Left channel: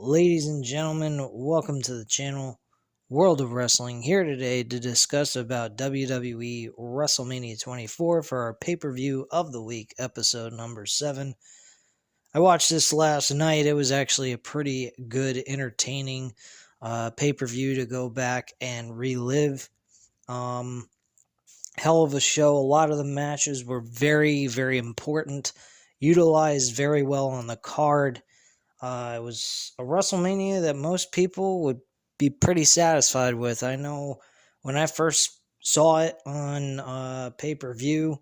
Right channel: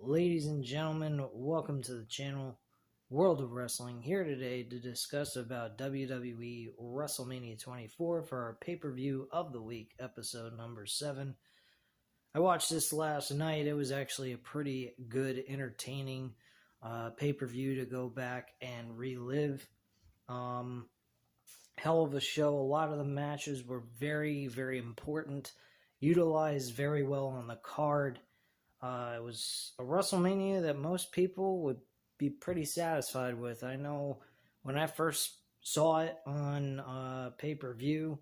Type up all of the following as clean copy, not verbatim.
Ladies and gentlemen, welcome to the channel World of Wrestling. Here today to discuss about WWE Wrestlemania 24 for our pay-per-view of the week, episode number 7. I watched this last night. It was actually a pretty good, entertaining pay-per-view to go back and relive. Hell of a show. A lot of the matches were very, very important, utilized very well on the card. It was a WrestleMania that most people would be pretty satisfied with. I know when I first saw it on pay-per-view,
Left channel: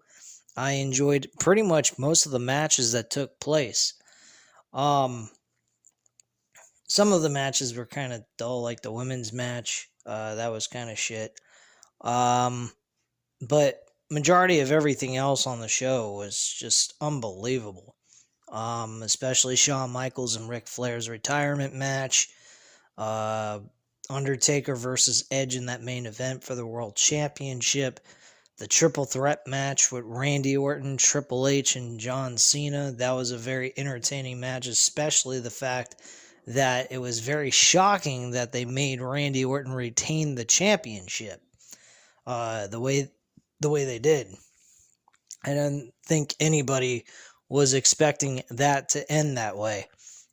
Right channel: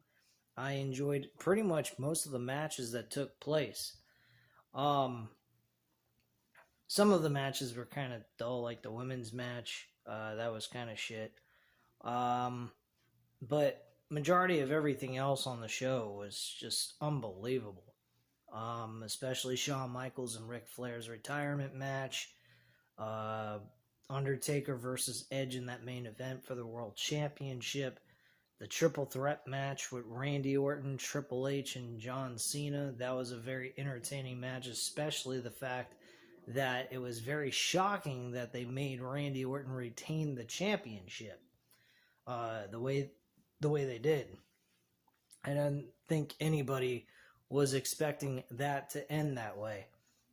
I enjoyed pretty much most of the matches that took place. Some of the matches were kind of dull, like the women's match. That was kind of shit. But majority of everything else on the show was just unbelievable. Especially Shawn Michaels and Ric Flair's retirement match. Undertaker versus Edge in that main event for the World Championship. The triple threat match with Randy Orton, Triple H, and John Cena. That was a very entertaining match, especially the fact that it was very shocking that they made Randy Orton retain the championship. The way they did. I don't think anybody was expecting that to end that way.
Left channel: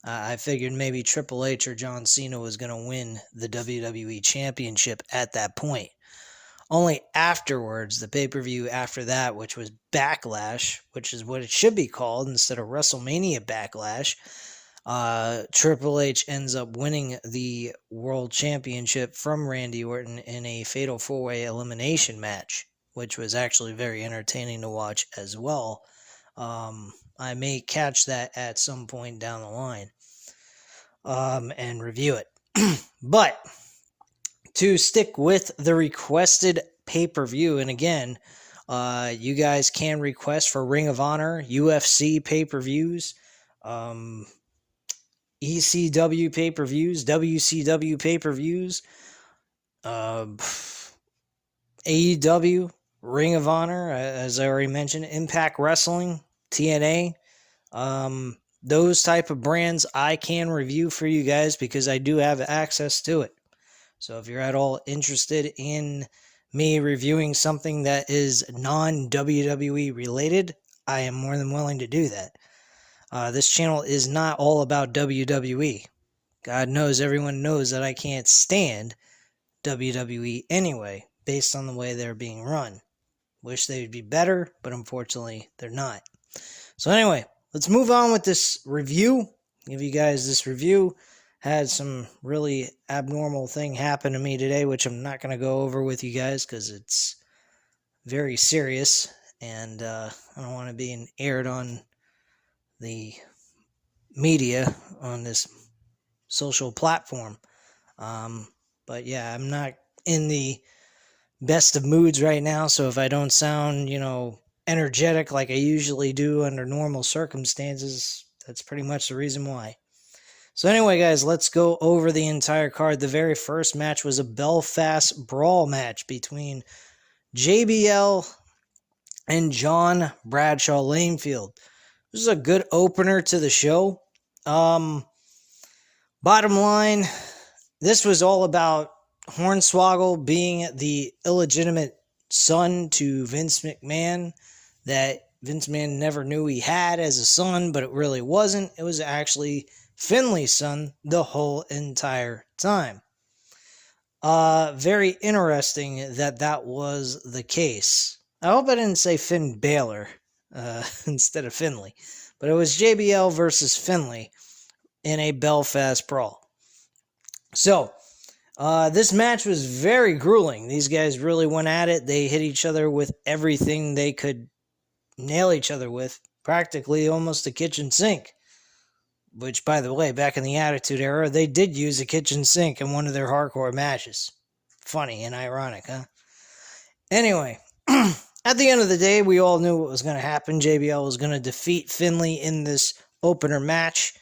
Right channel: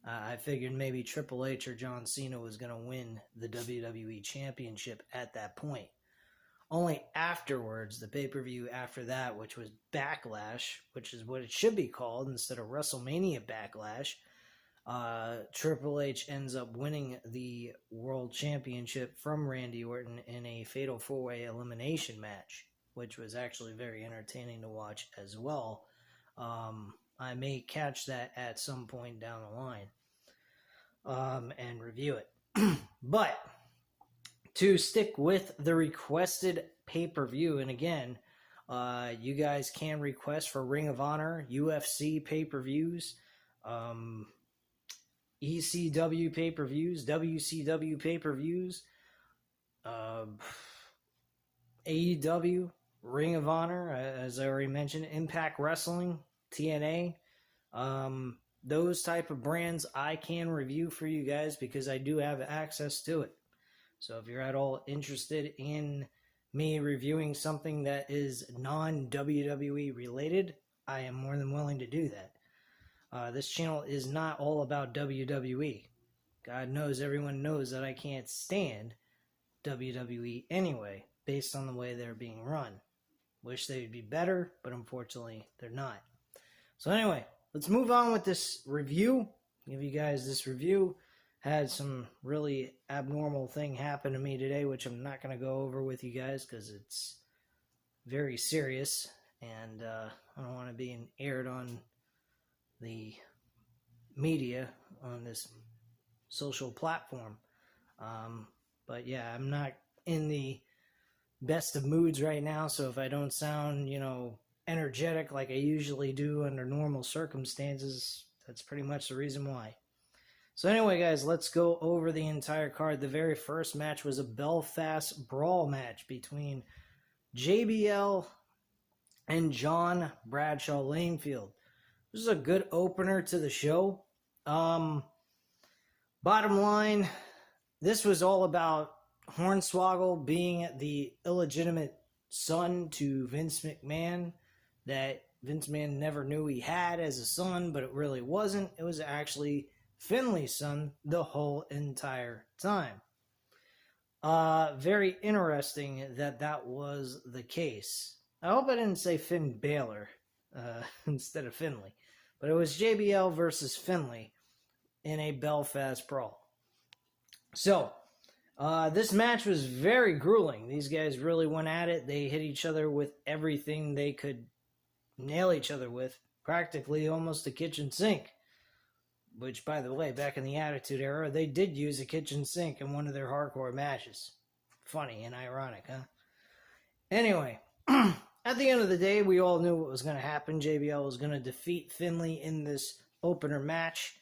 I figured maybe Triple H or John Cena was going to win the WWE Championship at that point. Only afterwards, the pay-per-view after that, which was Backlash, which is what it should be called instead of WrestleMania Backlash, Triple H ends up winning the World Championship from Randy Orton in a Fatal 4-Way elimination match, which was actually very entertaining to watch as well. I may catch that at some point down the line and review it. But to stick with the requested pay-per-view, and again, you guys can request for Ring of Honor, UFC pay-per-views, ECW pay-per-views, WCW pay-per-views, AEW, Ring of Honor, as I already mentioned, Impact Wrestling, TNA, those type of brands I can review for you guys because I do have access to it. So if you're at all interested in me reviewing something that is non-WWE related, I am more than willing to do that. This channel is not all about WWE. God knows everyone knows that I can't stand WWE anyway, based on the way they're being run. Wish they would be better, but unfortunately they're not. So anyway, let's move on with this review. Give you guys this review. Had some really abnormal thing happen to me today, which I'm not going to go over with you guys because it's very serious, and I don't want to be aired on the media on this social platform. But yeah, I'm not in the best of moods right now, so if I don't sound, energetic like I usually do under normal circumstances, that's pretty much the reason why. So anyway, guys, let's go over the entire card. The very first match was a Belfast Brawl match between JBL and John Bradshaw Lanefield. This is a good opener to the show. Bottom line, this was all about Hornswoggle being the illegitimate son to Vince McMahon that Vince McMahon never knew he had as a son, but it really wasn't. It was actually Finley's son the whole entire time. Very interesting that was the case. I hope I didn't say Finn Balor instead of Finley, but it was JBL versus Finley in a Belfast Brawl. So, this match was very grueling. These guys really went at it. They hit each other with everything they could nail each other with, practically almost a kitchen sink. Which, by the way, back in the Attitude Era, they did use a kitchen sink in one of their hardcore matches. Funny and ironic, huh? Anyway, at the end of the day, we all knew what was going to happen. JBL was going to defeat Finley in this opener match.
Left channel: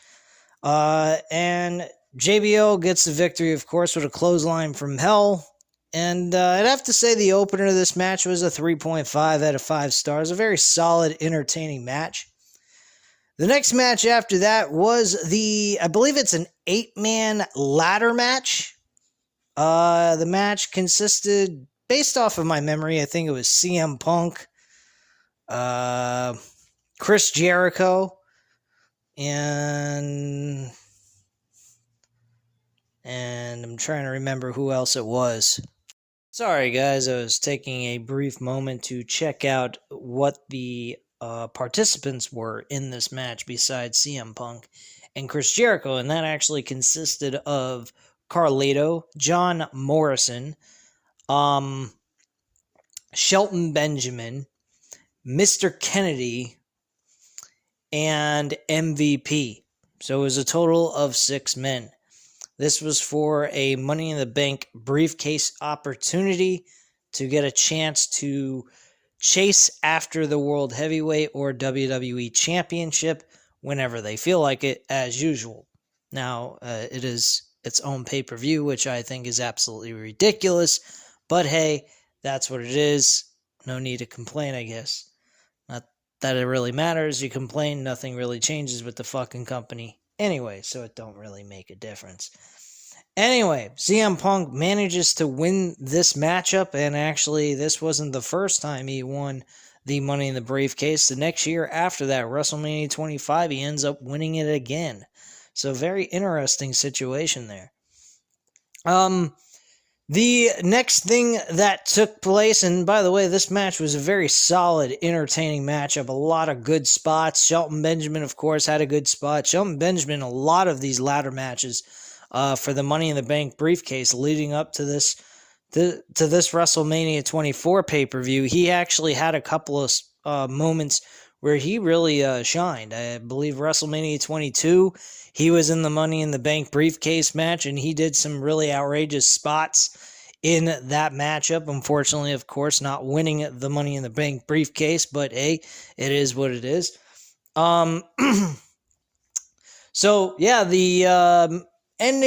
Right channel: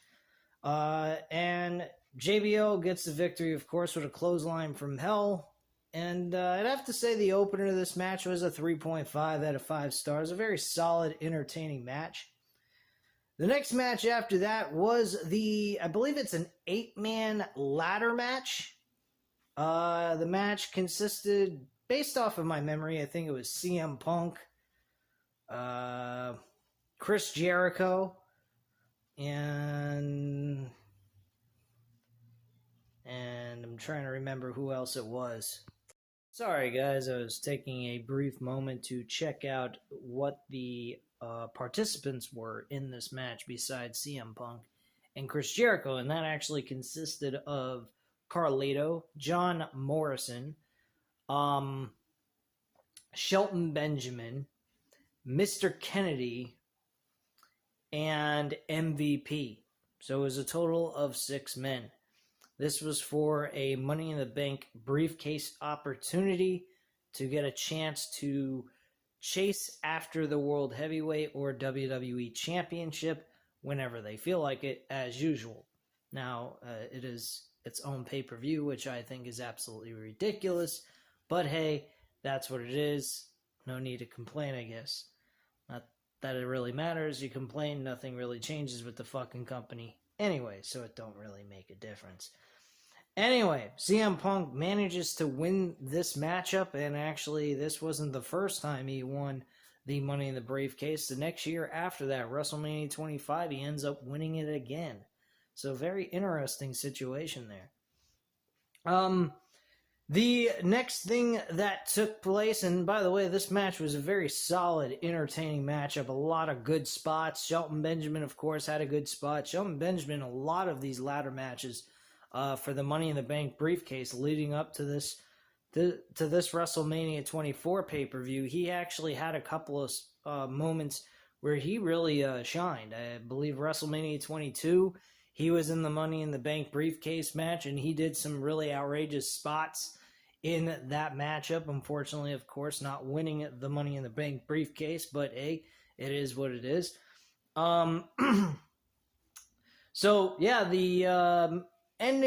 And JBL gets the victory, of course, with a clothesline from hell. And I'd have to say the opener of this match was a 3.5 out of 5 stars. A very solid, entertaining match. The next match after that was I believe it's an 8-man ladder match. The match consisted, based off of my memory, I think it was CM Punk, Chris Jericho, and I'm trying to remember who else it was. Sorry, guys, I was taking a brief moment to check out what the participants were in this match besides CM Punk and Chris Jericho, and that actually consisted of Carlito, John Morrison, Shelton Benjamin, Mr. Kennedy, and MVP. So it was a total of 6 men. This was for a Money in the Bank briefcase opportunity to get a chance to chase after the World Heavyweight or WWE Championship whenever they feel like it, as usual. Now, it is its own pay-per-view, which I think is absolutely ridiculous, but hey, that's what it is. No need to complain, I guess. Not that it really matters. You complain, nothing really changes with the fucking company anyway, so it don't really make a difference. Anyway, CM Punk manages to win this matchup, and actually this wasn't the first time he won the Money in the Briefcase. The next year after that, WrestleMania 25, he ends up winning it again. So very interesting situation there. The next thing that took place, and by the way, this match was a very solid, entertaining matchup. A lot of good spots. Shelton Benjamin, of course, had a good spot. Shelton Benjamin, a lot of these ladder matches for the Money in the Bank briefcase leading up to this WrestleMania 24 pay-per-view, he actually had a couple of moments where he really shined. I believe WrestleMania 22, he was in the Money in the Bank briefcase match, and he did some really outrageous spots in that matchup. Unfortunately, of course, not winning the Money in the Bank briefcase, but hey, it is what it is. So yeah, the end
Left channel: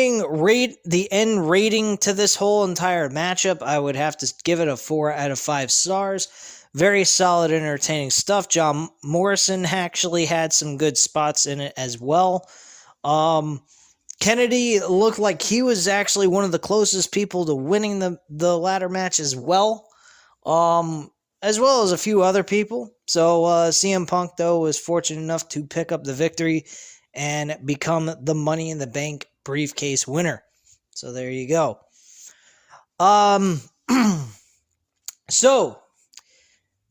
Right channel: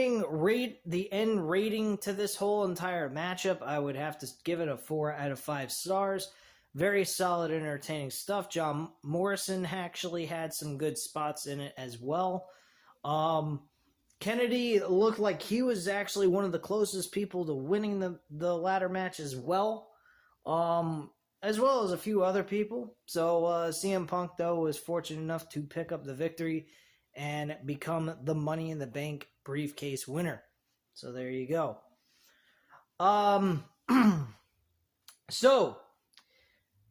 rating to this whole entire matchup, I would have to give it a 4 out of 5 stars. Very solid, entertaining stuff. John Morrison actually had some good spots in it as well. Kennedy looked like he was actually one of the closest people to winning the ladder match as well as a few other people. So CM Punk, though, was fortunate enough to pick up the victory and become the Money in the Bank briefcase winner. So there you go. So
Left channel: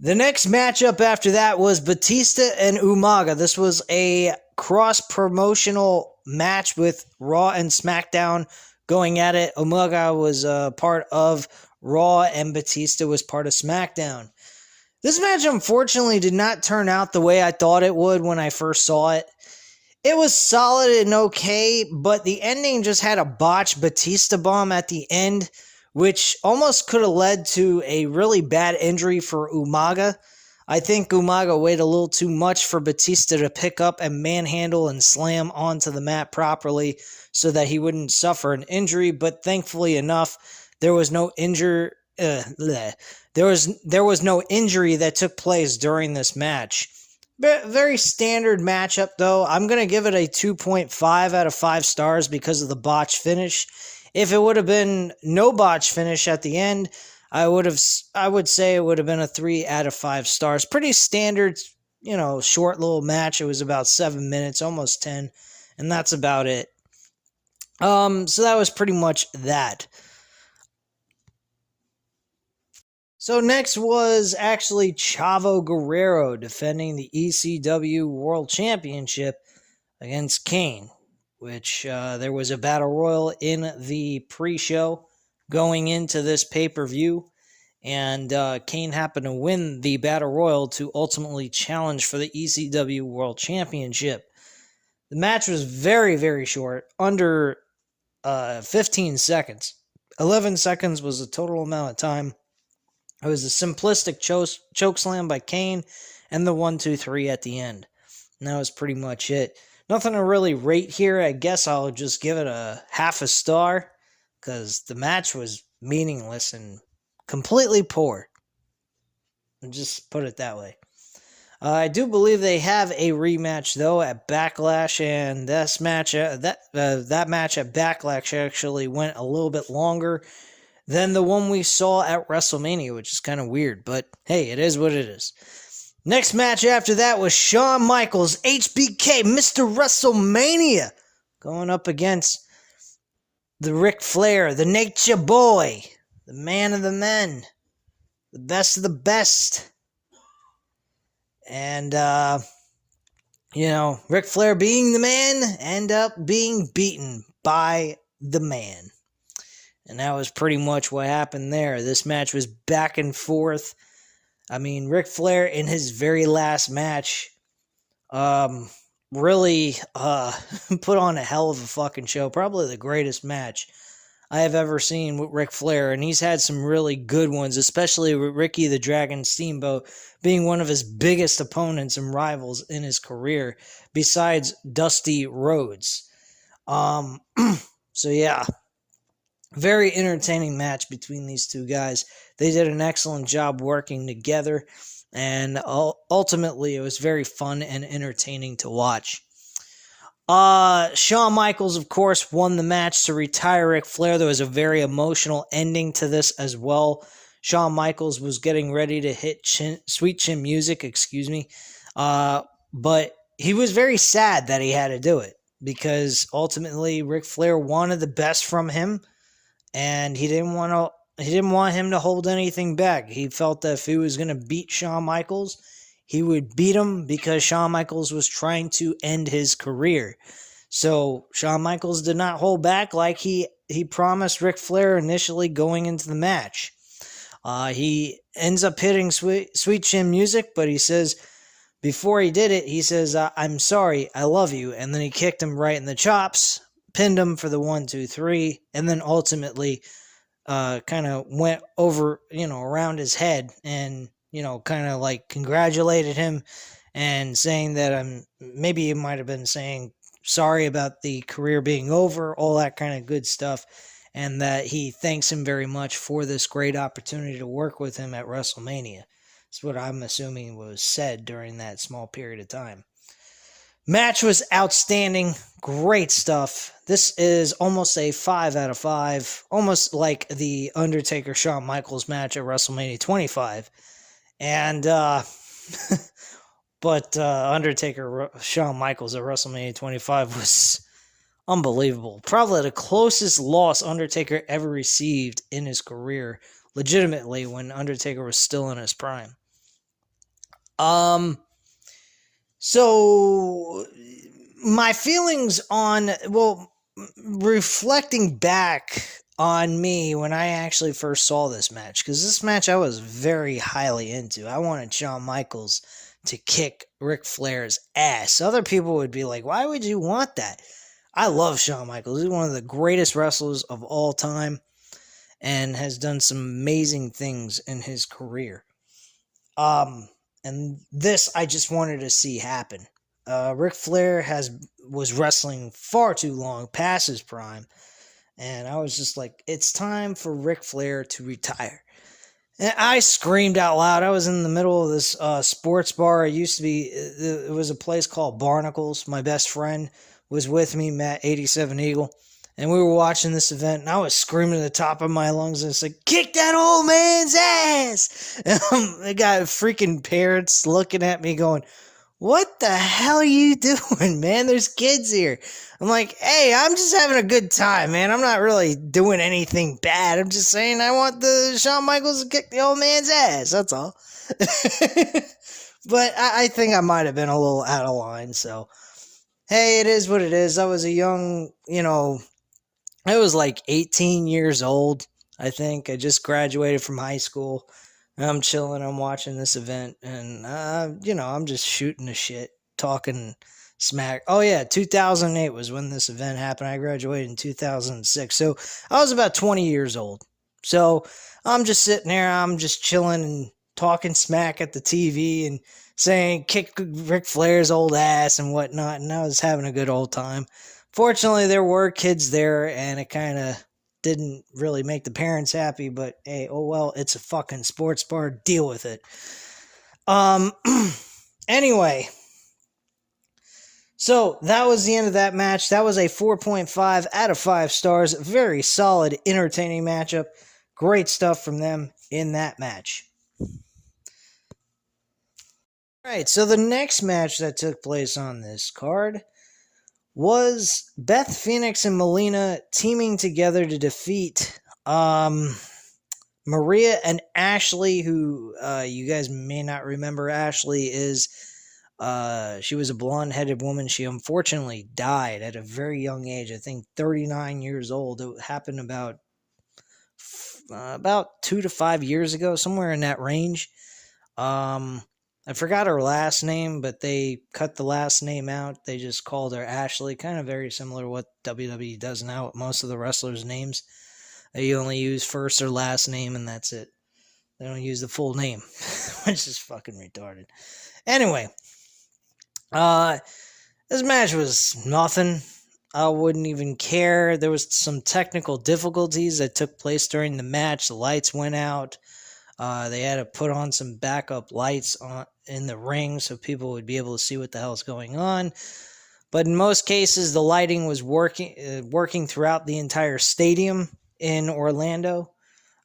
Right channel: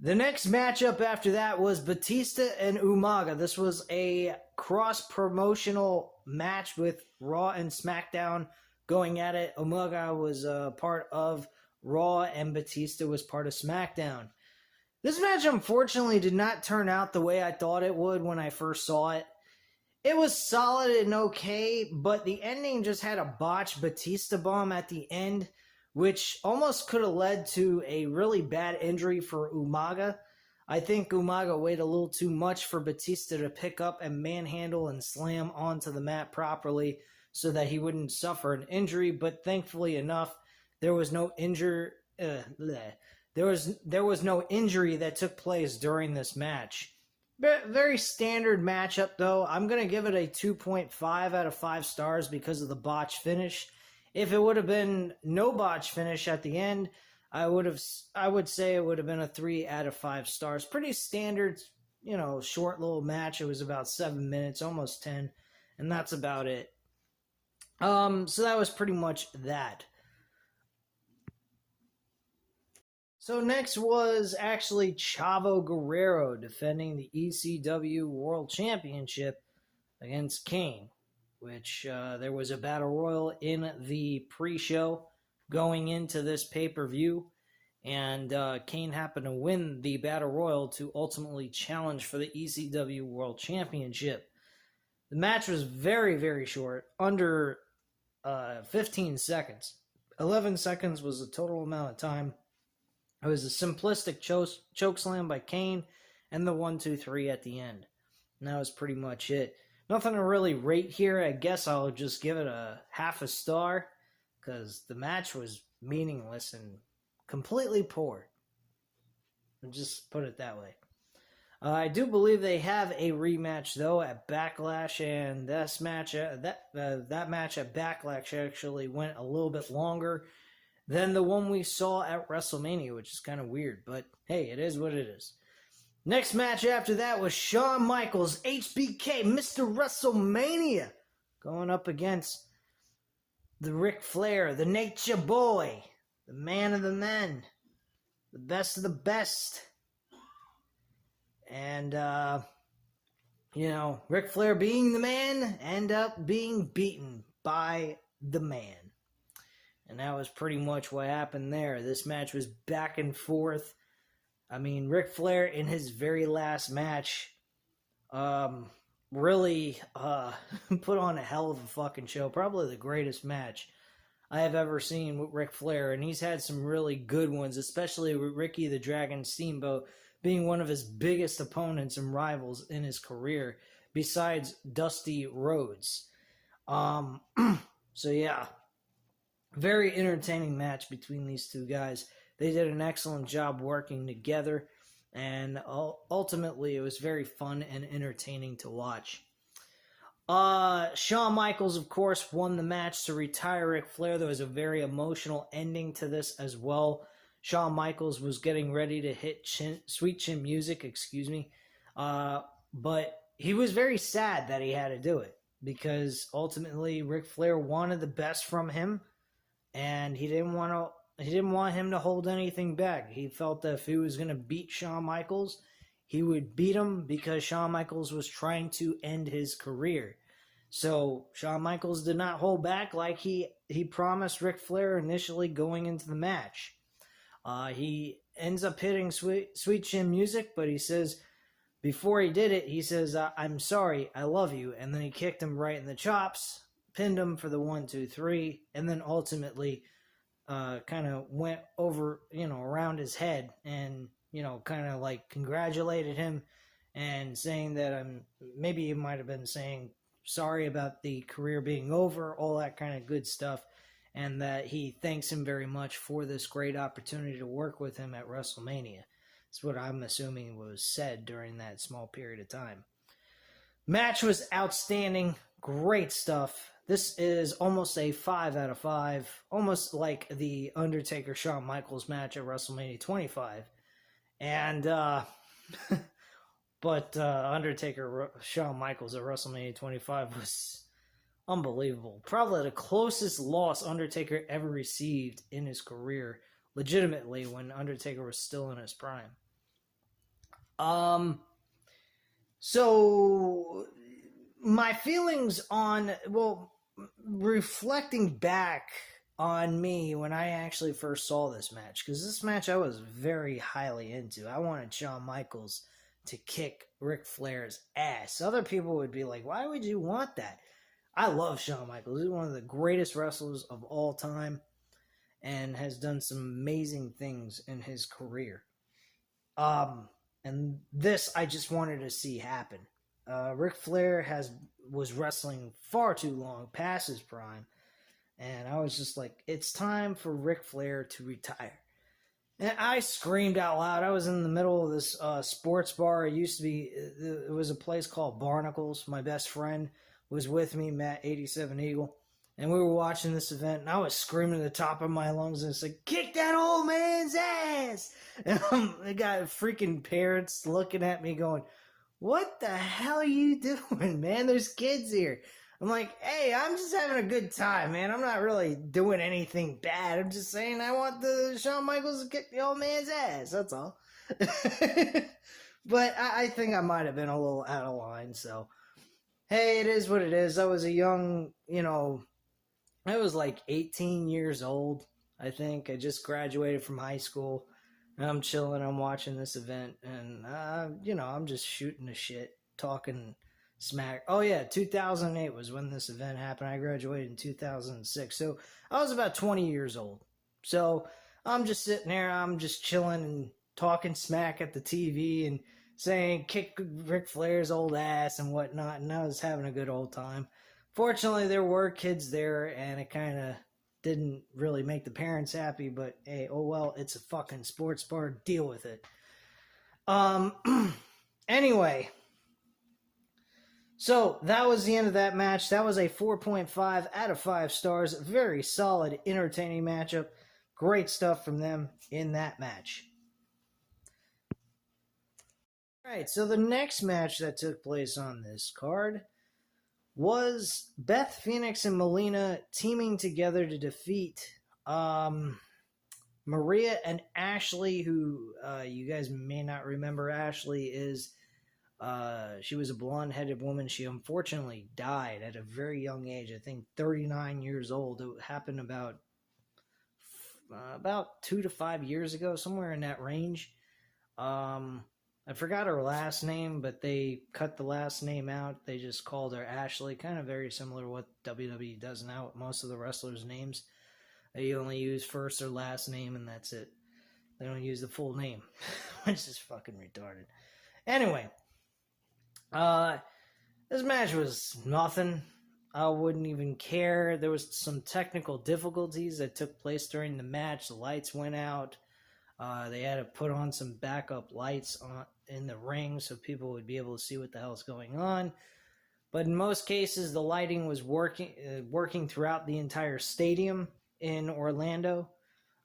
the next matchup after that was Batista and Umaga. This was a cross-promotional match with Raw and SmackDown going at it. Umaga was part of Raw and Batista was part of SmackDown. This match, unfortunately, did not turn out the way I thought it would when I first saw it. It was solid and okay, but the ending just had a botched Batista bomb at the end, which almost could have led to a really bad injury for Umaga. I think Umaga weighed a little too much for Batista to pick up and manhandle and slam onto the mat properly so that he wouldn't suffer an injury, but thankfully enough, there was no injury that took place during this match. Very standard matchup, though. I'm going to give it a 2.5 out of 5 stars because of the botch finish. If it would have been no botch finish at the end, I would say it would have been a 3 out of 5 stars. Pretty standard, short little match. It was about 7 minutes, almost 10, and that's about it. So that was pretty much that. So next was actually Chavo Guerrero defending the ECW World Championship against Kane, which there was a battle royal in the pre-show going into this pay-per-view, and Kane happened to win the battle royal to ultimately challenge for the ECW World Championship. The match was very, very short, under 15 seconds. 11 seconds was the total amount of time. It was a simplistic choke slam by Kane and the 1-2-3 at the end. And that was pretty much it. Nothing to really rate here. I guess I'll just give it a half a star because the match was meaningless and completely poor. I'll just put it that way. I do believe they have a rematch though at Backlash, and this match, that match at Backlash actually went a little bit longer than the one we saw at WrestleMania, which is kind of weird. But hey, it is what it is. Next match after that was Shawn Michaels, HBK, Mr. WrestleMania, going up against the Ric Flair, the Nature Boy, the man of the men, the best of the best. And, Ric Flair being the man, end up being beaten by the man. And that was pretty much what happened there. This match was back and forth. I mean, Ric Flair in his very last match really put on a hell of a fucking show. Probably the greatest match I have ever seen with Ric Flair. And he's had some really good ones, especially with Ricky the Dragon Steamboat being one of his biggest opponents and rivals in his career, besides Dusty Rhodes. So yeah, very entertaining match between these two guys. They did an excellent job working together, and ultimately it was very fun and entertaining to watch. Shawn Michaels, of course, won the match to retire Ric Flair. There was a very emotional ending to this as well. Shawn Michaels was getting ready to hit Sweet Chin Music, but he was very sad that he had to do it, because ultimately Ric Flair wanted the best from him, and he didn't want him to hold anything back. He felt that if he was going to beat Shawn Michaels, he would beat him, because Shawn Michaels was trying to end his career. So Shawn Michaels did not hold back like he promised Ric Flair initially going into the match. He ends up hitting Sweet Chin Music, but he says, before he did it, he says, I'm sorry, I love you. And then he kicked him right in the chops, pinned him for the 1, 2, 3, and then ultimately kind of went over, around his head and, kind of like congratulated him and saying that maybe he might have been saying sorry about the career being over, all that kind of good stuff, and that he thanks him very much for this great opportunity to work with him at WrestleMania. That's what I'm assuming was said during that small period of time. Match was outstanding. Great stuff. This is almost a 5 out of 5. Almost like the Undertaker-Shawn Michaels match at WrestleMania 25. And, but Undertaker-Shawn Michaels at WrestleMania 25 was unbelievable. Probably the closest loss Undertaker ever received in his career, legitimately, when Undertaker was still in his prime. So my feelings on, reflecting back on me when I actually first saw this match, because this match I was very highly into. I wanted Shawn Michaels to kick Ric Flair's ass. Other people would be like, why would you want that? I love Shawn Michaels. He's one of the greatest wrestlers of all time and has done some amazing things in his career. And this I just wanted to see happen. Ric Flair was wrestling far too long, past his prime, and I was just like, it's time for Ric Flair to retire. And I screamed out loud. I was in the middle of this sports bar. It used to be, it was a place called Barnacles. My best friend was with me, Matt 87 Eagle, and we were watching this event, and I was screaming at the top of my lungs, and it's like, kick that old man's ass! And I got freaking parents looking at me going, what the hell are you doing, man? There's kids here. I'm like, hey, I'm just having a good time, man. I'm not really doing anything bad. I'm just saying I want the Shawn Michaels to kick the old man's ass. That's all. But I think I might have been a little out of line, so hey, it is what it is. I was a young, I was like 18 years old, I think. I just graduated from high school. I'm chilling, I'm watching this event, and, I'm just shooting the shit, talking smack. Oh, yeah, 2008 was when this event happened. I graduated in 2006, so I was about 20 years old. So I'm just sitting there, I'm just chilling and talking smack at the TV and saying, kick Ric Flair's old ass and whatnot, and I was having a good old time. Fortunately, there were kids there, and it kind of didn't really make the parents happy, but hey, oh well, it's a fucking sports bar, deal with it. Anyway, so that was the end of that match. That was a 4.5 out of 5 stars. Very solid, entertaining matchup. Great stuff from them in that match. All right, so the next match that took place on this card was Beth Phoenix and Melina teaming together to defeat Maria and Ashley, who you guys may not remember. Ashley is she was a blonde-headed woman. She unfortunately died at a very young age. I think 39 years old. It happened about 2 to 5 years ago, somewhere in that range. I forgot her last name, but they cut the last name out. They just called her Ashley. Kind of very similar to what WWE does now with most of the wrestlers' names. They only use first or last name, and that's it. They don't use the full name, which is fucking retarded. Anyway, this match was nothing. I wouldn't even care. There was some technical difficulties that took place during the match. The lights went out. They had to put on some backup lights in the ring so people would be able to see what the hell's going on. But in most cases, the lighting was working throughout the entire stadium in Orlando.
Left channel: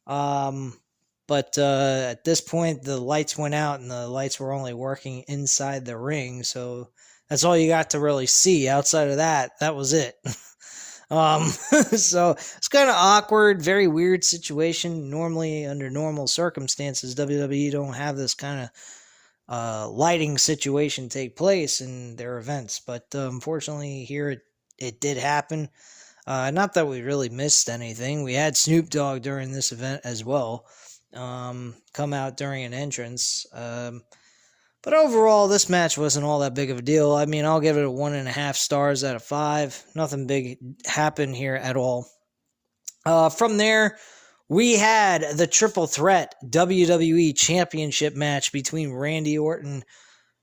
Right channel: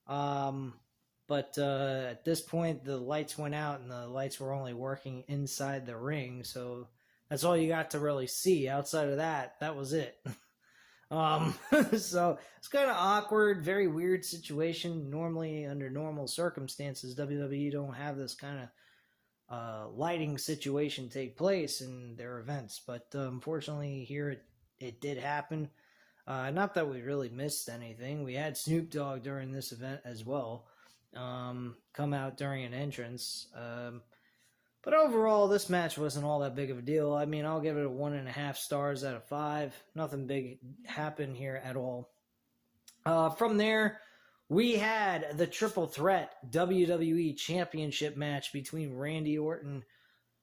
But at this point, the lights went out and the lights were only working inside the ring. So that's all you got to really see. Outside of that, that was it. So it's kind of awkward, very weird situation. Normally, under normal circumstances, WWE don't have this kind of lighting situation take place in their events. But unfortunately, here it did happen. Not that we really missed anything. We had Snoop Dogg during this event as well, come out during an entrance. But overall, this match wasn't all that big of a deal. I mean, I'll give it a 1.5 stars out of 5. Nothing big happened here at all. From there, we had the triple threat WWE Championship match between Randy Orton,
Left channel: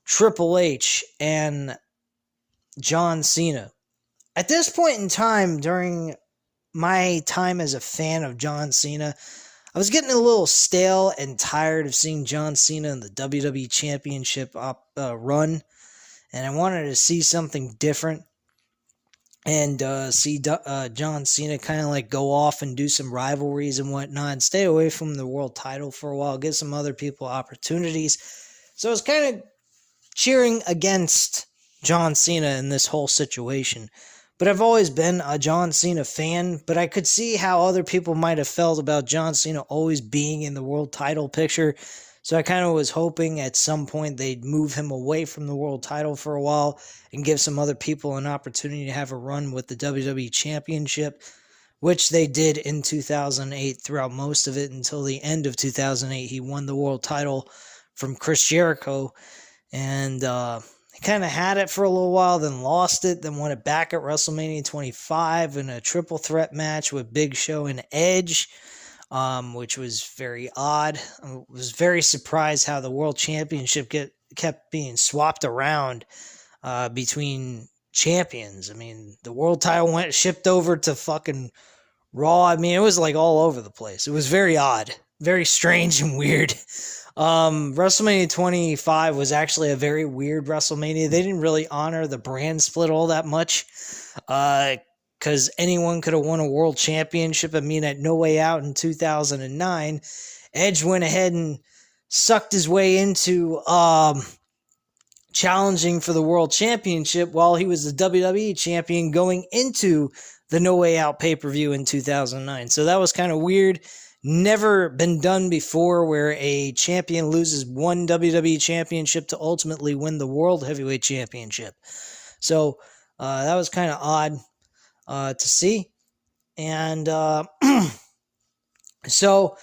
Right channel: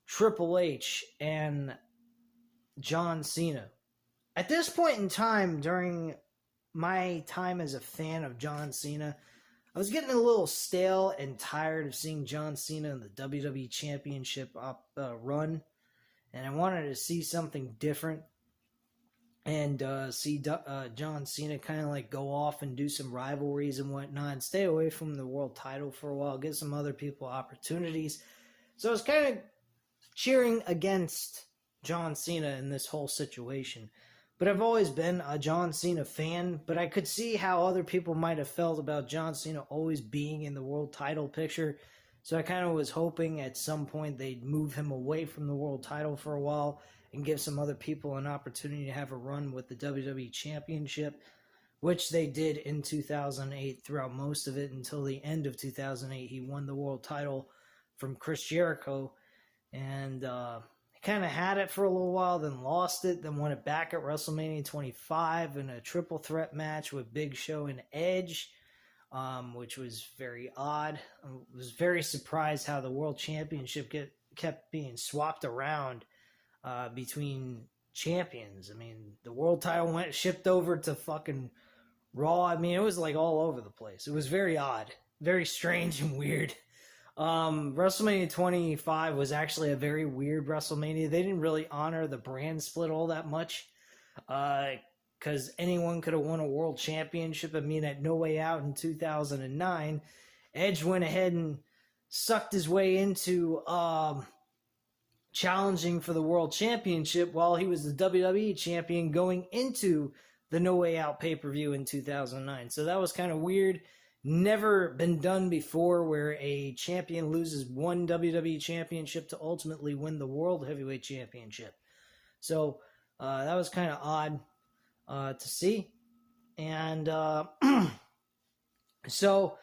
Triple H, and John Cena. At this point in time, during my time as a fan of John Cena, I was getting a little stale and tired of seeing John Cena in the WWE Championship run, and I wanted to see something different and see John Cena kind of like go off and do some rivalries and whatnot, and stay away from the world title for a while, give some other people opportunities. So I was kind of cheering against John Cena in this whole situation. But I've always been a John Cena fan, but I could see how other people might have felt about John Cena always being in the world title picture. So I kind of was hoping at some point they'd move him away from the world title for a while and give some other people an opportunity to have a run with the WWE Championship, which they did in 2008 throughout most of it until the end of 2008. He won the world title from Chris Jericho, and kind of had it for a little while, then lost it, then won it back at WrestleMania 25 in a triple threat match with Big Show and Edge, which was very odd. I was very surprised how the World Championship kept being swapped around between champions. I mean, the world title shipped over to fucking Raw. I mean, it was like all over the place. It was very odd, very strange and weird. WrestleMania 25 was actually a very weird WrestleMania. They didn't really honor the brand split all that much, because anyone could have won a world championship. I mean, at No Way Out in 2009, Edge went ahead and sucked his way into challenging for the world championship while he was the WWE champion going into the No Way Out pay-per-view in 2009. So that was kind of weird. Never been done before, where a champion loses one WWE championship to ultimately win the World Heavyweight Championship. So that was kind of odd to see. And so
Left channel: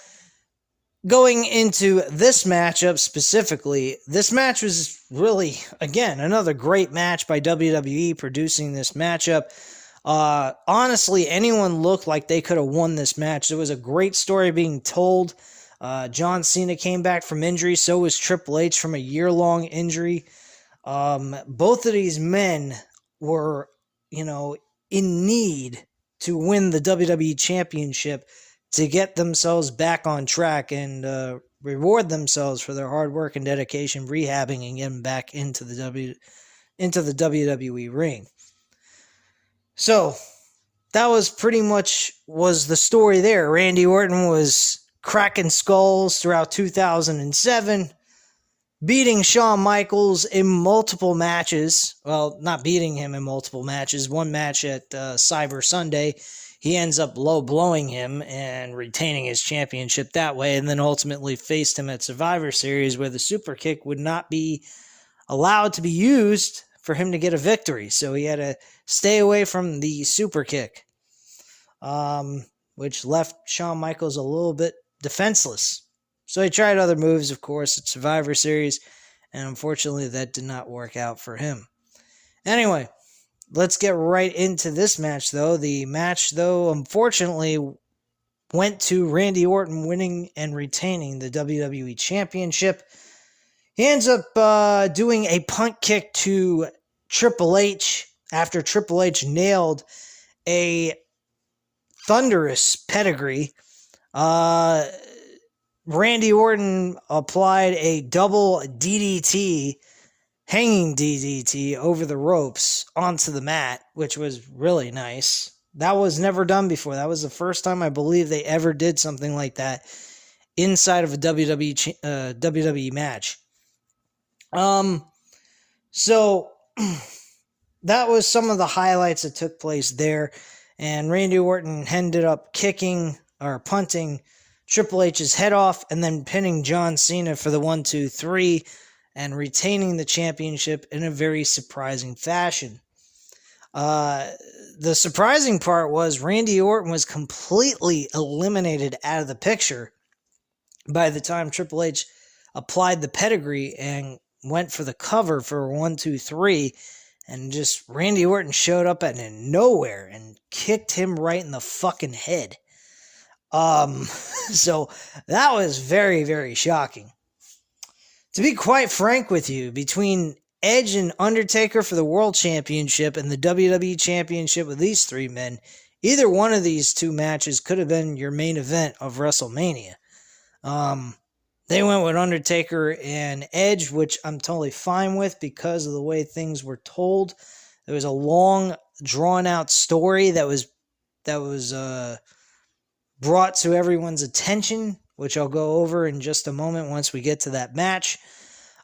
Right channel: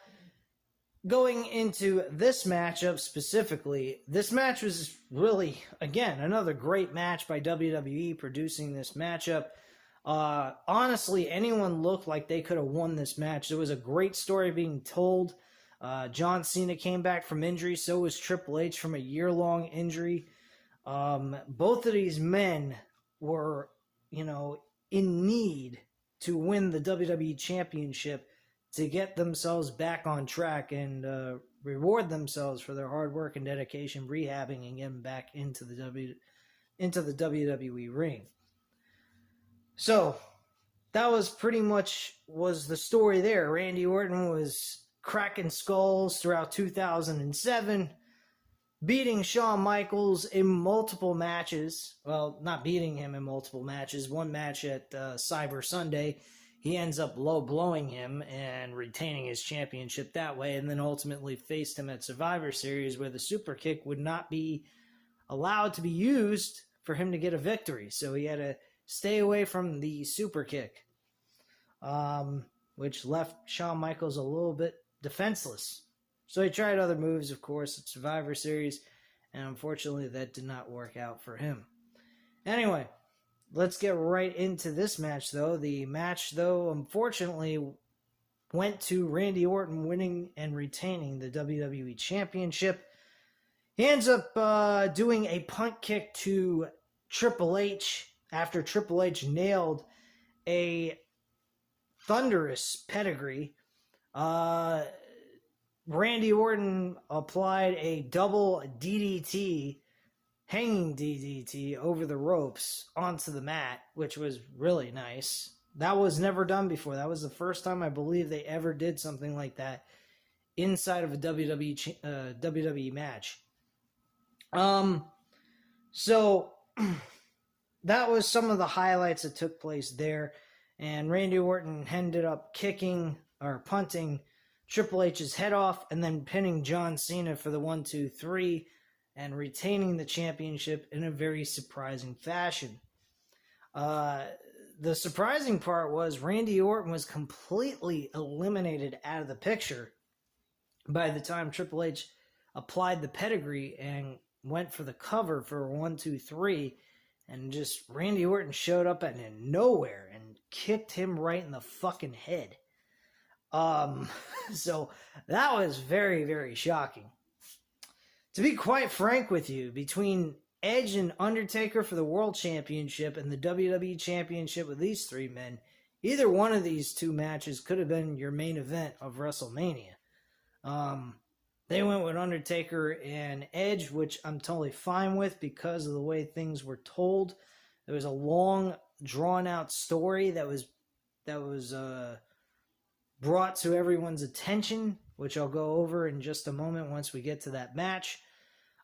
going into this matchup specifically, this match was really, again, another great match by WWE producing this matchup. Honestly, anyone looked like they could have won this match. There was a great story being told. John Cena came back from injury. So was Triple H from a year-long injury. Both of these men were, in need to win the WWE Championship to get themselves back on track. And reward themselves for their hard work and dedication, rehabbing and getting back into the WWE ring. So that was pretty much was the story there. Randy Orton was cracking skulls throughout 2007, beating Shawn Michaels in multiple matches. Well, not beating him in multiple matches. One match at Cyber Sunday, he ends up low blowing him and retaining his championship that way, and then ultimately faced him at Survivor Series, where the super kick would not be allowed to be used for him to get a victory. So he had to stay away from the super kick, which left Shawn Michaels a little bit defenseless. So he tried other moves, of course, at Survivor Series, and unfortunately that did not work out for him. Anyway, let's get right into this match, though. The match, though, unfortunately went to Randy Orton winning and retaining the WWE Championship. He ends up doing a punt kick to Triple H after Triple H nailed a thunderous pedigree. Randy Orton applied a double DDT, hanging DDT over the ropes onto the mat, which was really nice. That was never done before. That was the first time I believe they ever did something like that inside of a WWE match. So that was some of the highlights that took place there, and Randy Orton ended up kicking or punting Triple H's head off and then pinning John Cena for the 1-2-3 and retaining the championship in a very surprising fashion. The surprising part was Randy Orton was completely eliminated out of the picture by the time Triple H applied the pedigree and went for the cover for 1-2-3, and just Randy Orton showed up out of nowhere and kicked him right in the fucking head. So that was very, very shocking. To be quite frank with you, between Edge and Undertaker for the World Championship and the WWE Championship with these three men, either one of these two matches could have been your main event of WrestleMania. They went with Undertaker and Edge, which I'm totally fine with because of the way things were told. There was a long, drawn-out story that was brought to everyone's attention, which I'll go over in just a moment once we get to that match.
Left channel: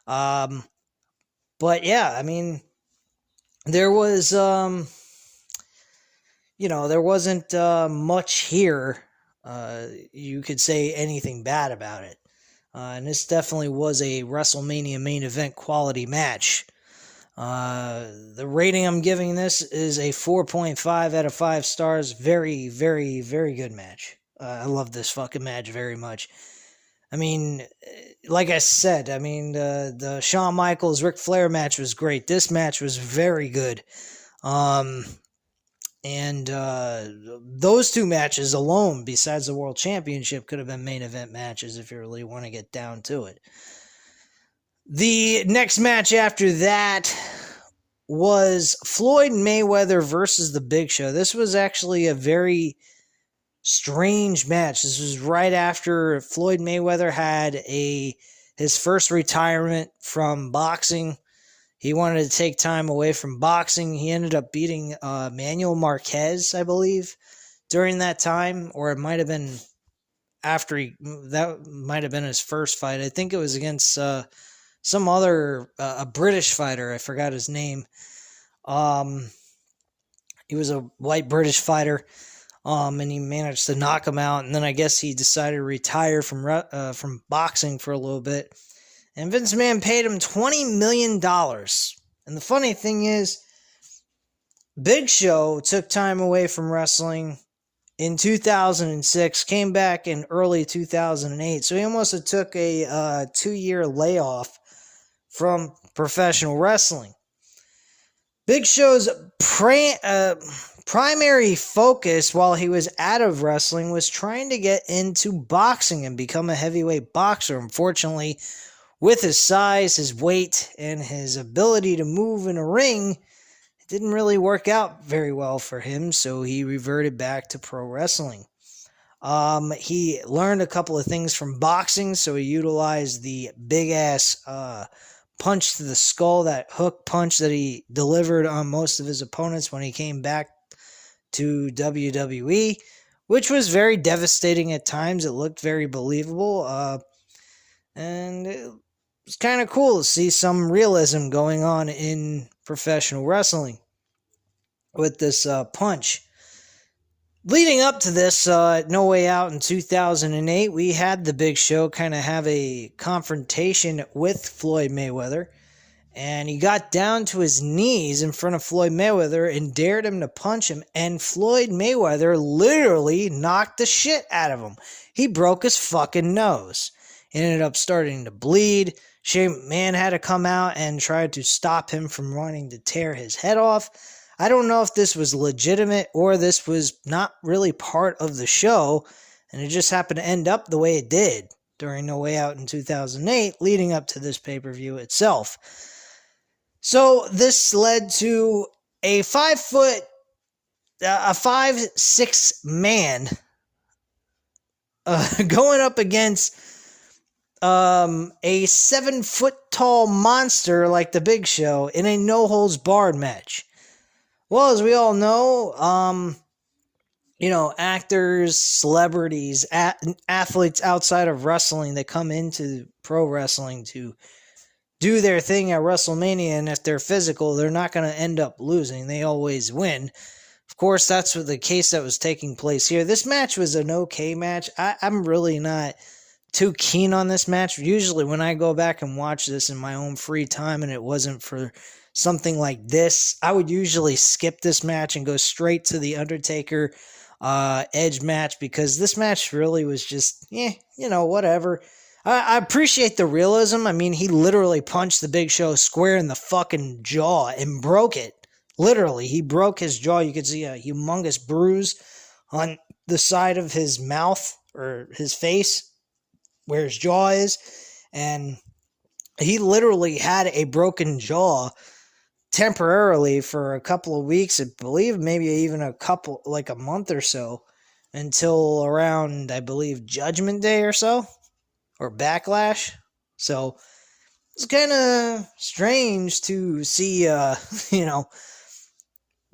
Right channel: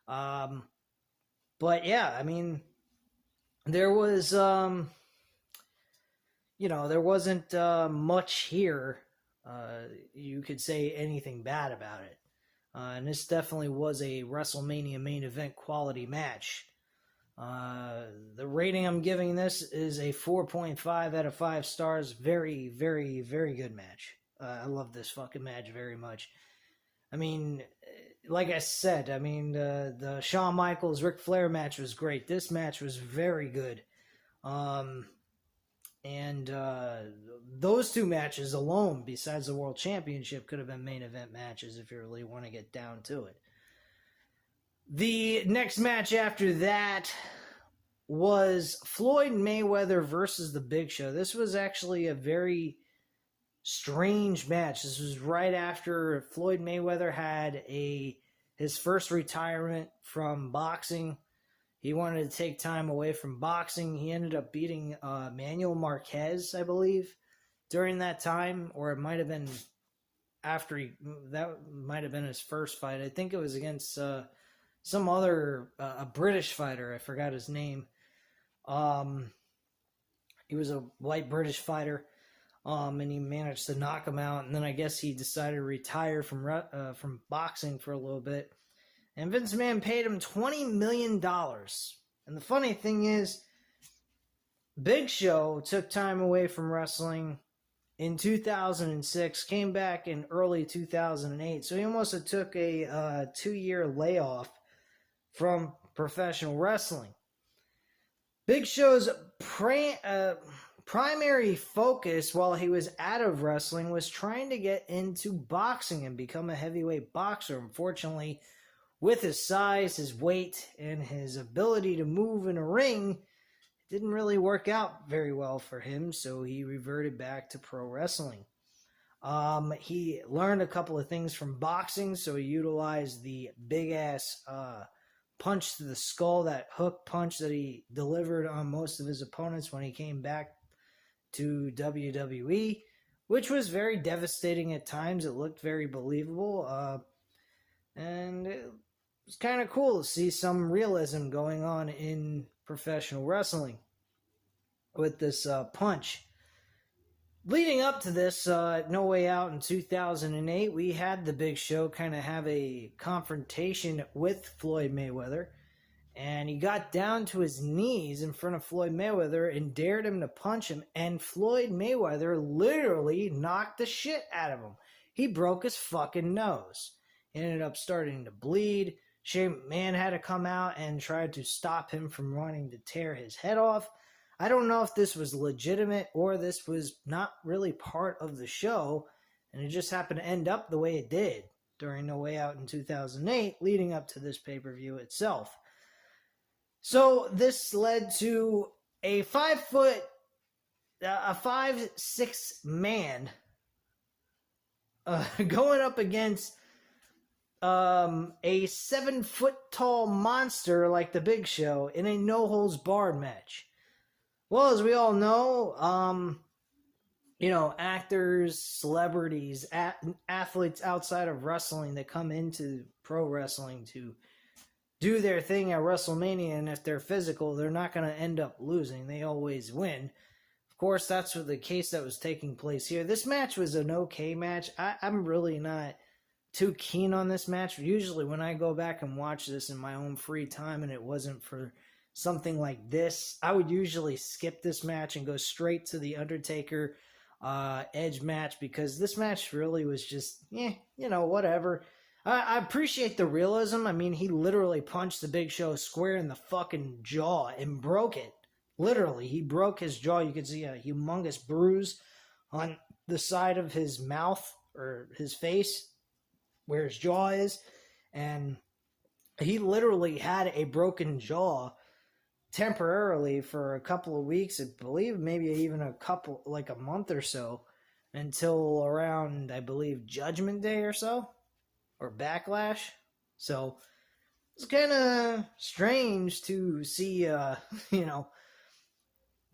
But yeah, I mean, there was, there wasn't much here. You could say anything bad about it. And this definitely was a WrestleMania main event quality match. The rating I'm giving this is a 4.5 out of 5 stars. Very, very, very good match. I love this fucking match very much. I mean, like I said, the Shawn Michaels Ric Flair match was great. This match was very good. And those two matches alone, besides the World Championship, could have been main event matches if you really want to get down to it. The next match after that was Floyd Mayweather versus The Big Show. This was actually a very strange match. This was right after Floyd Mayweather had his first retirement from boxing. He wanted to take time away from boxing. He ended up beating Manuel Marquez, I believe, during that time, or it might have been after that might have been his first fight. I think it was against some other a British fighter. I forgot his name. He was a white British fighter, and he managed to knock him out. And then I guess he decided to retire from boxing for a little bit. And Vince McMahon paid him $20 million. And the funny thing is, Big Show took time away from wrestling in 2006, came back in early 2008. So he almost took a 2-year layoff from professional wrestling. Big Show's primary focus while he was out of wrestling was trying to get into boxing and become a heavyweight boxer. Unfortunately, with his size, his weight, and his ability to move in a ring, it didn't really work out very well for him, so he reverted back to pro wrestling. He learned a couple of things from boxing, so he utilized the big-ass punch to the skull, that hook punch that he delivered on most of his opponents when he came back to WWE, which was very devastating at times. It looked very believable, and it was kind of cool to see some realism going on in professional wrestling with this punch. Leading up to this No Way Out in 2008, we had the Big Show kind of have a confrontation with Floyd Mayweather, and he got down to his knees in front of Floyd Mayweather and dared him to punch him, and Floyd Mayweather literally knocked the shit out of him. He broke his fucking nose. He ended up starting to bleed. Shane McMahon had to come out and try to stop him from wanting to tear his head off. I don't know if this was legitimate or this was not really part of the show, and it just happened to end up the way it did during No Way Out in 2008, leading up to this pay-per-view itself. So this led to a 5'6" man going up against a 7-foot-tall monster like the Big Show in a no-holds-barred match. Well, as we all know, actors, celebrities, athletes outside of wrestling that come into pro wrestling to do their thing at Wrestlemania, and if they're physical, they're not going to end up losing. They always win. Of course, that's the case that was taking place here. This match was an okay match. I'm really not too keen on this match. Usually when I go back and watch this in my own free time and it wasn't for something like this, I would usually skip this match and go straight to the Undertaker Edge match, because this match really was just, whatever. I appreciate the realism. I mean, he literally punched the Big Show square in the fucking jaw and broke it. Literally, he broke his jaw. You could see a humongous bruise on the side of his mouth or his face where his jaw is, and he literally had a broken jaw temporarily for a couple of weeks, I believe, maybe even a month or so, until around, I believe, Judgment Day or so, or Backlash. So it's kind of strange to see,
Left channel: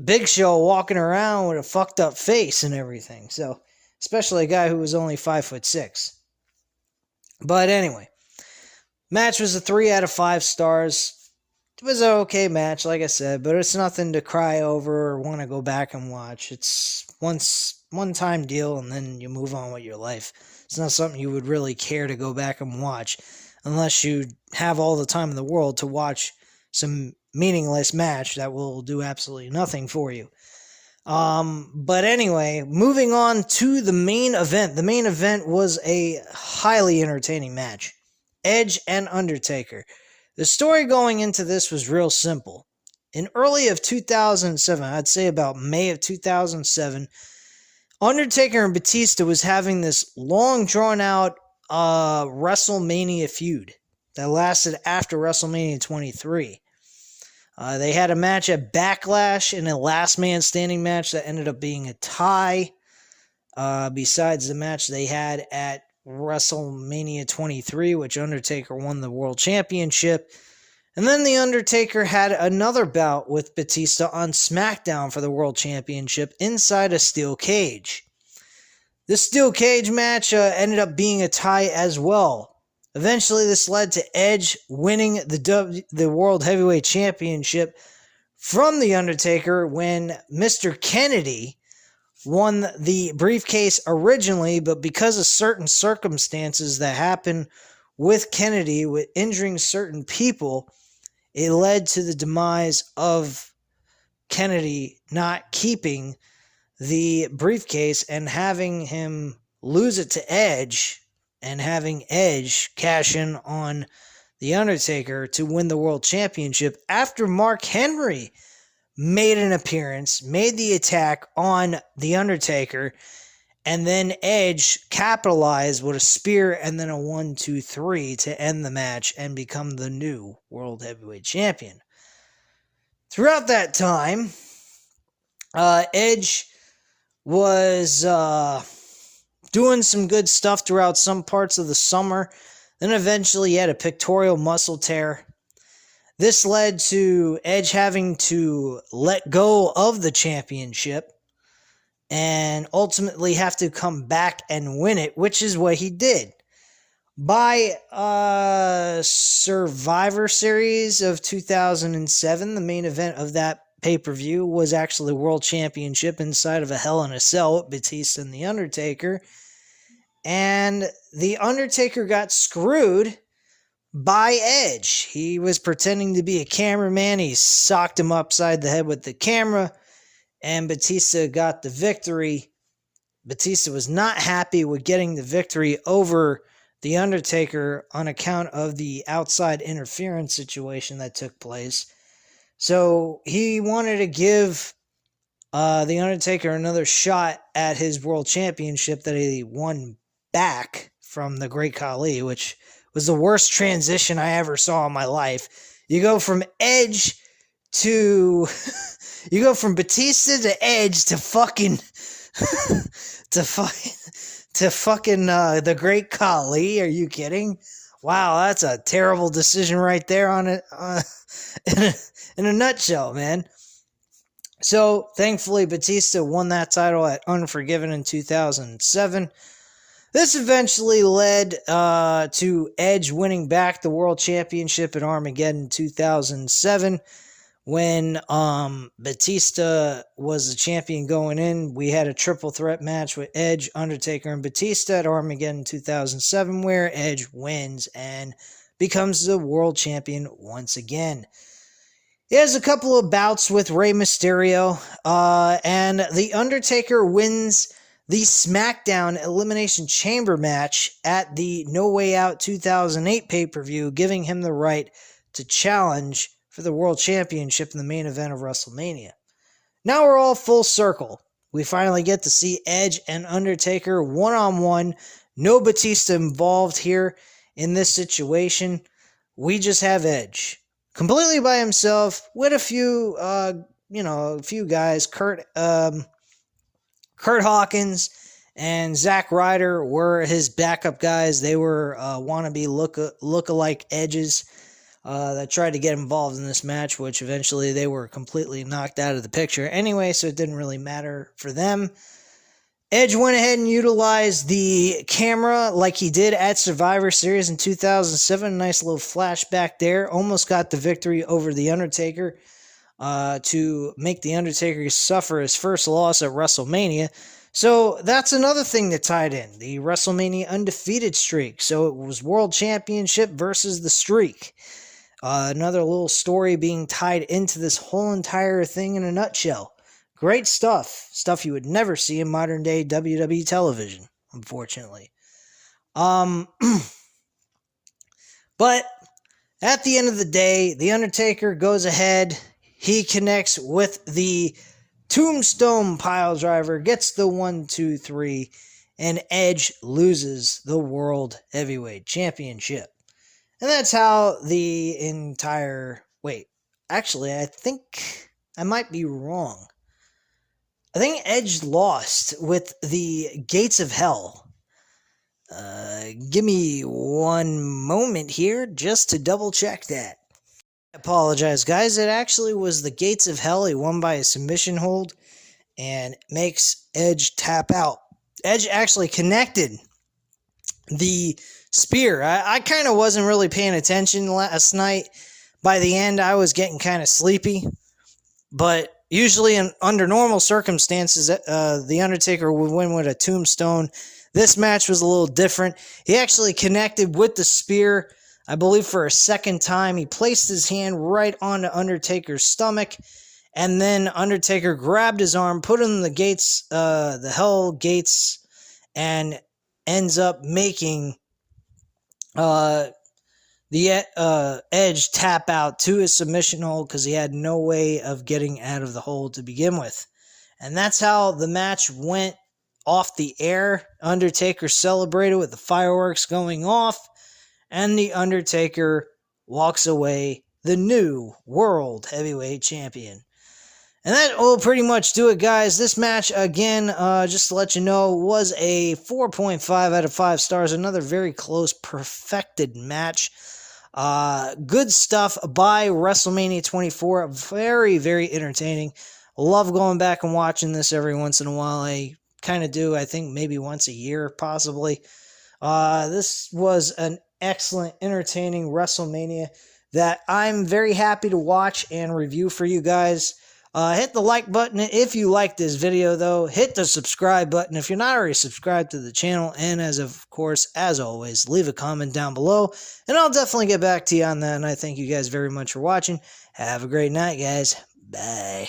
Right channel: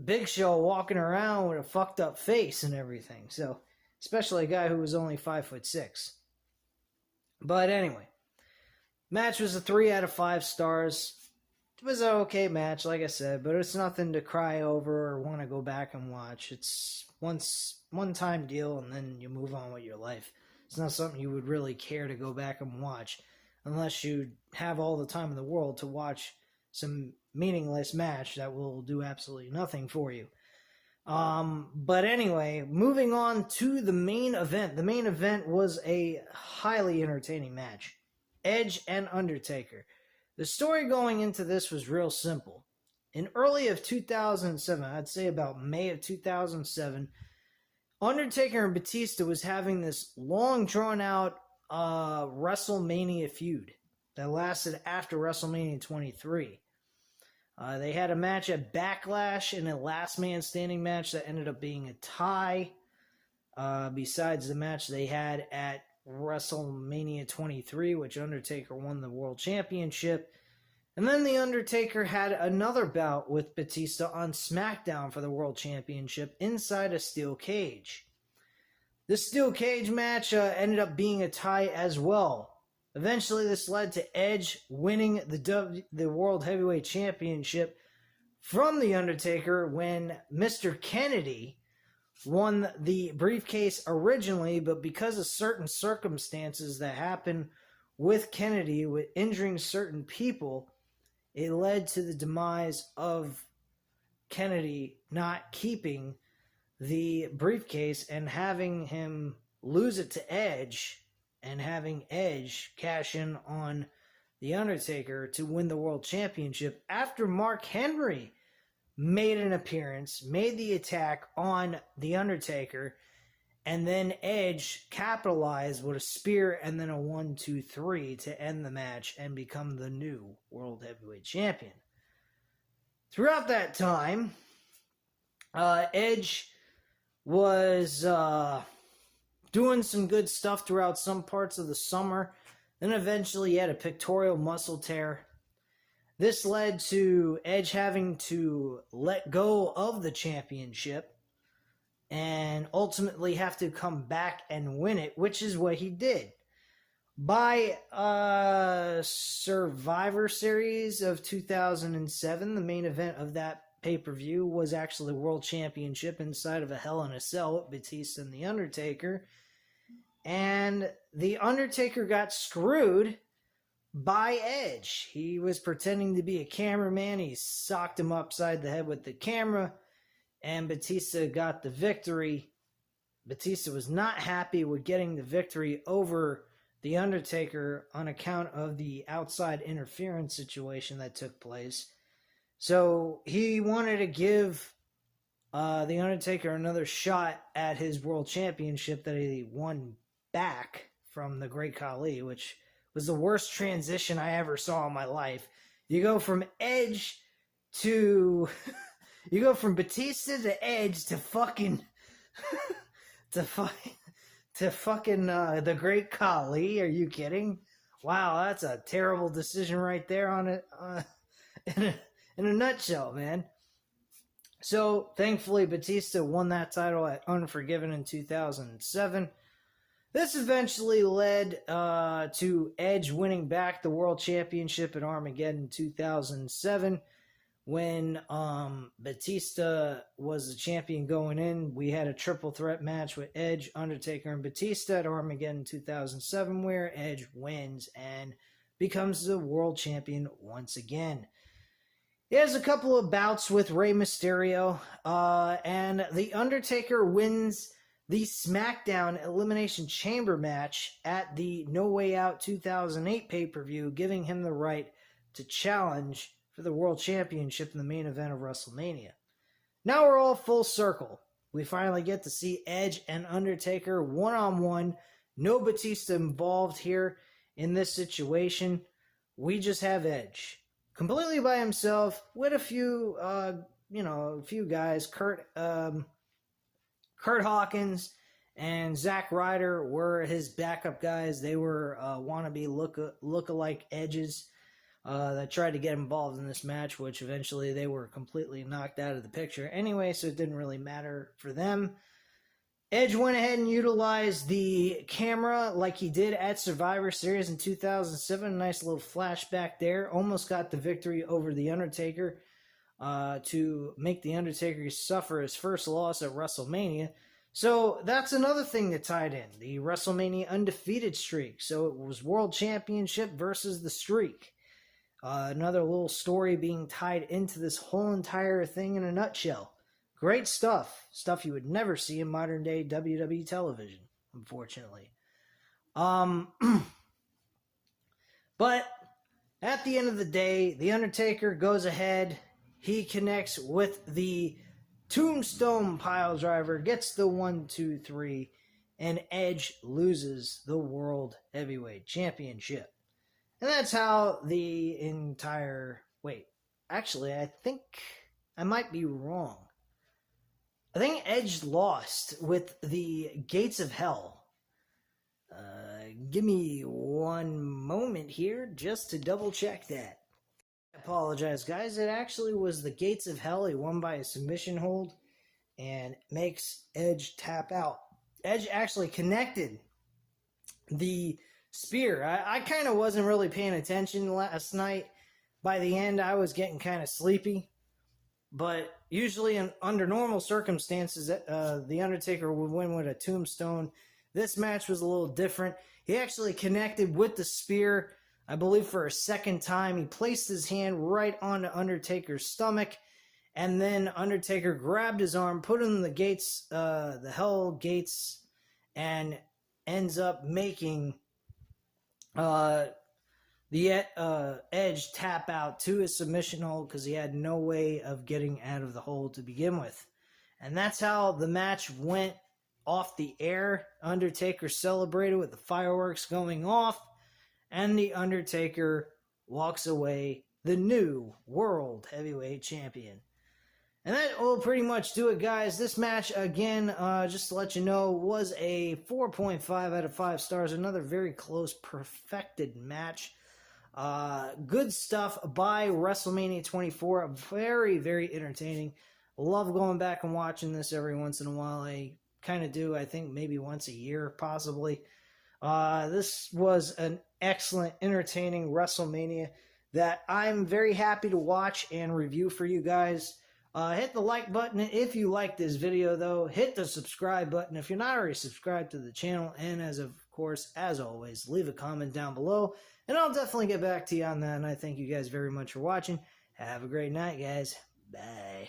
Big Show walking around with a fucked up face and everything. So, especially a guy who was only 5'6". But anyway, match was a 3 out of 5 stars. It was an okay match, like I said, but it's nothing to cry over or want to go back and watch. It's one-time deal, and then you move on with your life. It's not something you would really care to go back and watch unless you have all the time in the world to watch some meaningless match that will do absolutely nothing for you. But anyway, moving on to the main event. The main event was a highly entertaining match. Edge and Undertaker. The story going into this was real simple. In early of 2007, I'd say about May of 2007, Undertaker and Batista was having this long drawn-out WrestleMania feud that lasted after WrestleMania 23. They had a match at Backlash in a last man standing match that ended up being a tie. Besides the match they had at WrestleMania 23, which Undertaker won the World Championship. And then The Undertaker had another bout with Batista on SmackDown for the World Championship inside a steel cage. This steel cage match ended up being a tie as well. Eventually, this led to Edge winning the World Heavyweight Championship from The Undertaker when Mr. Kennedy won the briefcase originally, but because of certain circumstances that happened with Kennedy, with injuring certain people, it led to the demise of Kennedy not keeping the briefcase and having him lose it to Edge, and having Edge cash in on The Undertaker to win the World Championship after Mark Henry made an appearance, made the attack on The Undertaker, and then Edge capitalized with a spear and then a 1-2-3 to end the match and become the new World Heavyweight Champion. Throughout that time, Edge was doing some good stuff throughout some parts of the summer. Then eventually he had a pectoral muscle tear. This led to Edge having to let go of the championship and ultimately have to come back and win it, which is what he did. By Survivor Series of 2007, the main event of that pay-per-view was actually the World Championship inside of a Hell in a Cell with Batista and The Undertaker. And The Undertaker got screwed by Edge. He was pretending to be a cameraman. He socked him upside the head with the camera, and Batista got the victory. Batista was not happy with getting the victory over The Undertaker on account of the outside interference situation that took place. So he wanted to give The Undertaker another shot at his world championship that he won back from the Great Khali, which was the worst transition I ever saw in my life. You go from Edge to... you go from Batista to Edge to fucking... to fucking the Great Khali. Are you kidding? Wow, that's a terrible decision right there on it. In a nutshell, man. So, thankfully, Batista won that title at Unforgiven in 2007. This eventually led to Edge winning back the World Championship at Armageddon in 2007. When Batista was the champion going in, we had a triple threat match with Edge, Undertaker, and Batista at Armageddon 2007, where Edge wins and becomes the world champion once again. He has a couple of bouts with Rey Mysterio, and The Undertaker wins the SmackDown Elimination Chamber match at the No Way Out 2008 pay-per-view, giving him the right to challenge for the World Championship in the main event of WrestleMania. Now we're all full circle. We finally get to see Edge and Undertaker one-on-one. No Batista involved here in this situation. We just have Edge completely by himself with a few, a few guys. Kurt Hawkins and Zack Ryder were his backup guys. They were wannabe look-alike Edges that tried to get involved in this match, which eventually they were completely knocked out of the picture anyway, so it didn't really matter for them. Edge went ahead and utilized the camera like he did at Survivor Series in 2007. Nice little flashback there. Almost got the victory over The Undertaker to make The Undertaker suffer his first loss at WrestleMania. So that's another thing that tied in. The WrestleMania undefeated streak. So it was World Championship versus the streak. Another little story being tied into this whole entire thing in a nutshell. Great stuff. Stuff you would never see in modern day WWE television, unfortunately. But at the end of the day, The Undertaker goes ahead. He connects with the Tombstone Piledriver, gets the 1, 2, 3, and Edge loses the World Heavyweight Championship. And that's how the entire... Wait, actually, I think I might be wrong. I think Edge lost with the Gates of Hell. Give me one moment here just to double check that. I apologize, guys. It actually was the Gates of Hell. He won by a submission hold and makes Edge tap out. Edge actually connected the spear. I kind of wasn't really paying attention last night. By the end, I was getting kind of sleepy. But usually under normal circumstances, The Undertaker would win with a tombstone. This match was a little different. He actually connected with the spear, I believe for a second time. He placed his hand right on the Undertaker's stomach, and then Undertaker grabbed his arm, put him in the gates, the Hell Gates, and ends up making the Edge tap out to his submission hold because he had no way of getting out of the hold to begin with. And that's how the match went off the air. Undertaker celebrated with the fireworks going off, and The Undertaker walks away the new World Heavyweight Champion. And that will pretty much do it, guys. This match, again, just to let you know, was a 4.5 out of 5 stars. Another very close, perfected match. Good stuff by WrestleMania 24. Very, very entertaining. Love going back and watching this every once in a while. I kind of do, I think, maybe once a year, possibly. This was an excellent, entertaining WrestleMania that I'm very happy to watch and review for you guys. Hit the like button if you like this video, though. Hit the subscribe button if you're not already subscribed to the channel. And of course, as always, leave a comment down below. And I'll definitely get back to you on that. And I thank you guys very much for watching. Have a great night, guys. Bye.